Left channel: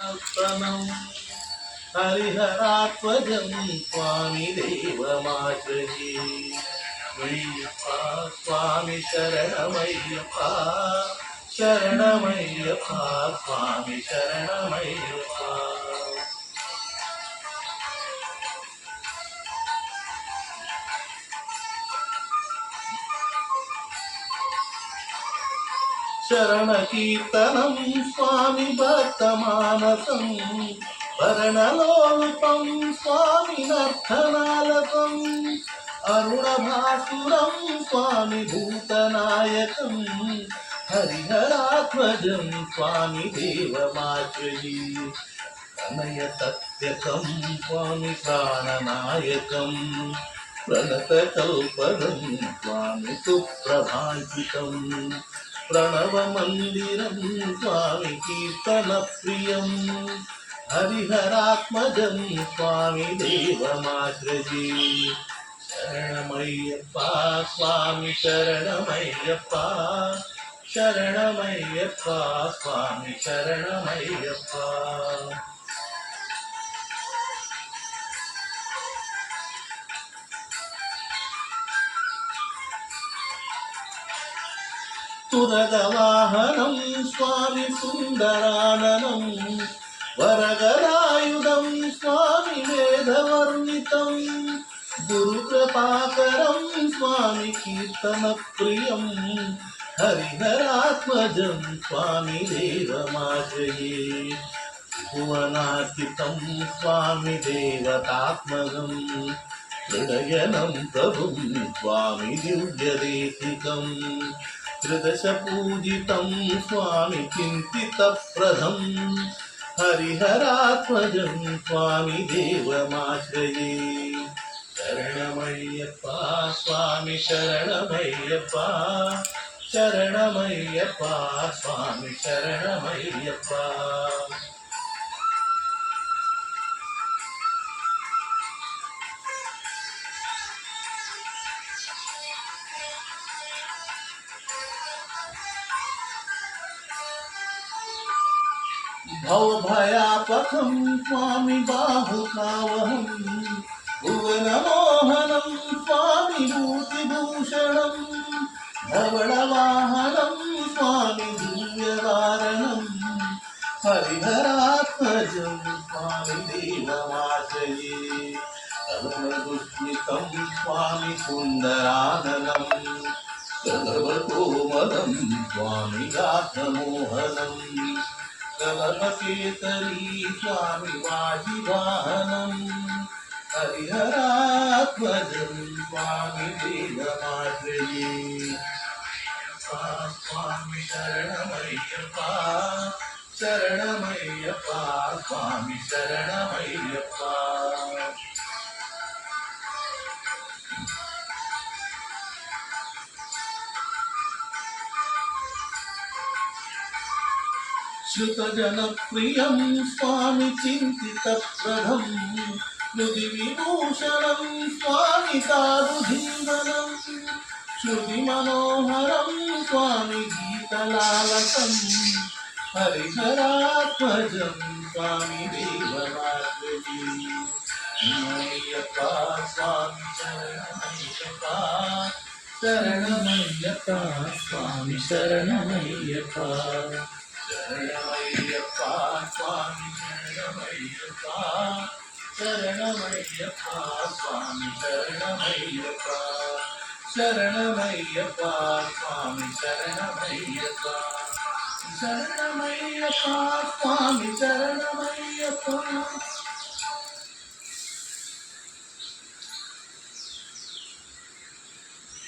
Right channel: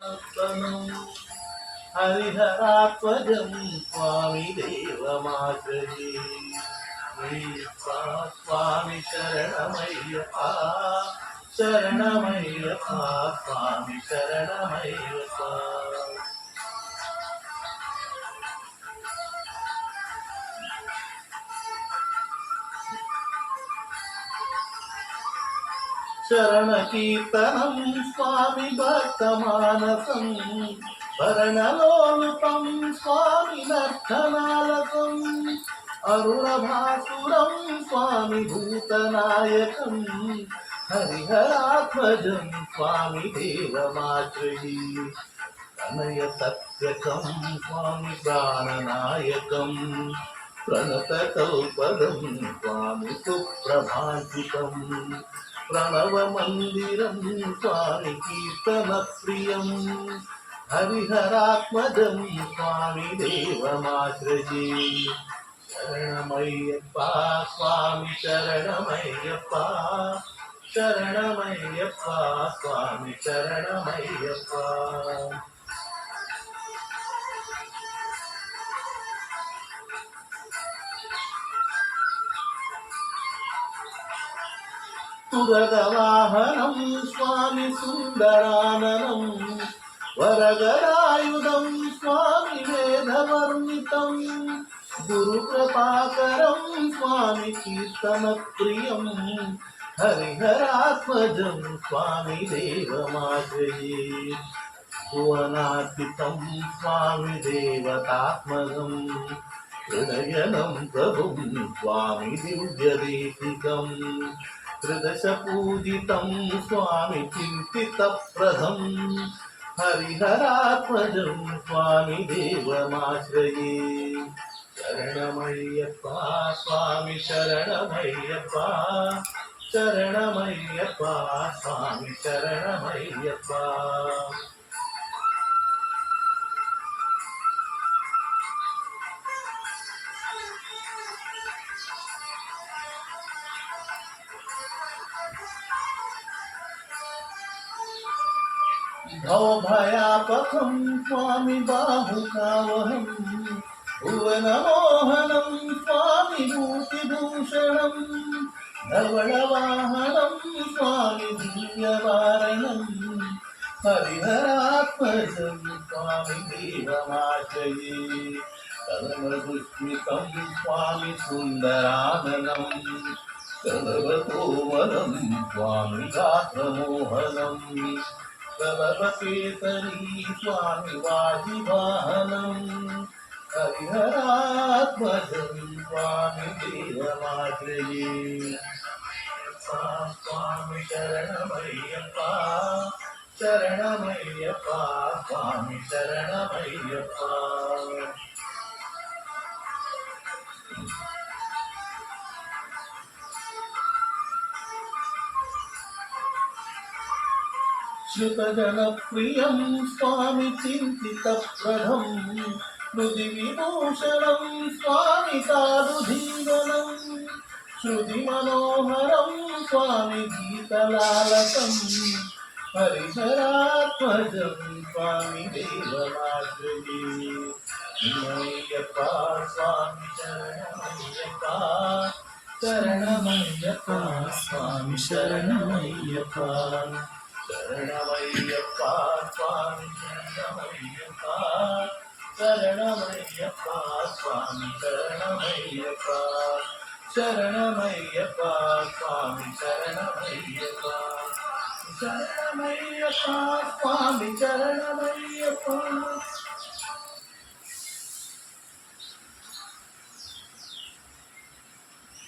तनं हरिहरात्मजं स्वामी देवमाश्रये स्वामी शरणमय्यप्पा शरणमय्यप्पा स्वामी शरणमय्यप्पा शरणकीर्तनं स्वामी भक्तमानसं भरणलोलुपं स्वामी नर्तनालकम् अरुणभासुरं स्वामी भूतनायकं हरिहरात्मजं स्वामी देवमाश्रये तनय सत्यकं स्वामी प्राणनायकं प्रणतकल्पदं स्वामी सुप्रभाषितम् प्रणवमन्दिरं स्वामी कीर्तनप्रियं हरिहरात्मजं स्वामी देवमाश्रये शरणमय्यप्पा स्वामी शरणमय्यप्पा शरणमय्यप्पा स्वामी शरणमय्यप्पा तुरगवाहनं स्वामी सुन्दराननं वरगदायुधं स्वामी वेदवर्णितं गुरुकृपाकरं स्वामी कीर्तनप्रियं हरिहरात्मजं स्वामी देवमाश्रये भुवनार्चितं स्वामी देवतात्मकं हृदयनं प्रभुं स्वामी दिव्यदेशिकम् त्रिदशपूजितं स्वामी चिन्तितप्रदं हरिहरात्मजं स्वामी देवमाश्रये शरणमय्यप्पा स्वामी शरणमय्यप्पा शरणमय्यप्पा स्वामी शरणमय्यप्पा भवभयापकं स्वामी बाहुकावहं भुवनमोहनं स्वामी भूतिभूषणं धवलवाहनं स्वामी दिव्यवारणं हरिहरात्मजं स्वामी देवमाश्रये कलनदुष्मितं स्वामी सुन्दराननं कलवकोमलं स्वामी गात्रमोहनम् कलपकेसरी स्वामी वाजिवाहनं हरिहरात्मजं स्वामी देवमाश्रये स्वामी शरणमय्यप्पा शरणमय्यप्पा स्वामी शरणमय्यप्पा श्रुतजनप्रियं स्वामी चिन्तितप्रदं हृदिविभूषणं स्वामी साधुधीवनं श्रुतिमनोहरं स्वामी गीतलालकं हरिहरात्मजं स्वामी देवमाश्रये मय्यप्पा स्वामी शरणमय्यप्पा शरणमय्यप्पा स्वामी शरणमय्यप्पा शरणमय्यप्पा स्वामी शरणमय्यप्पा शरणमय्यप्पा स्वामी शरणमय्यप्पा शरणमय्यप्पा स्वामी शरणमय्यप्पा शरणमय्यप्पा स्वामी शरणमय्यप्पा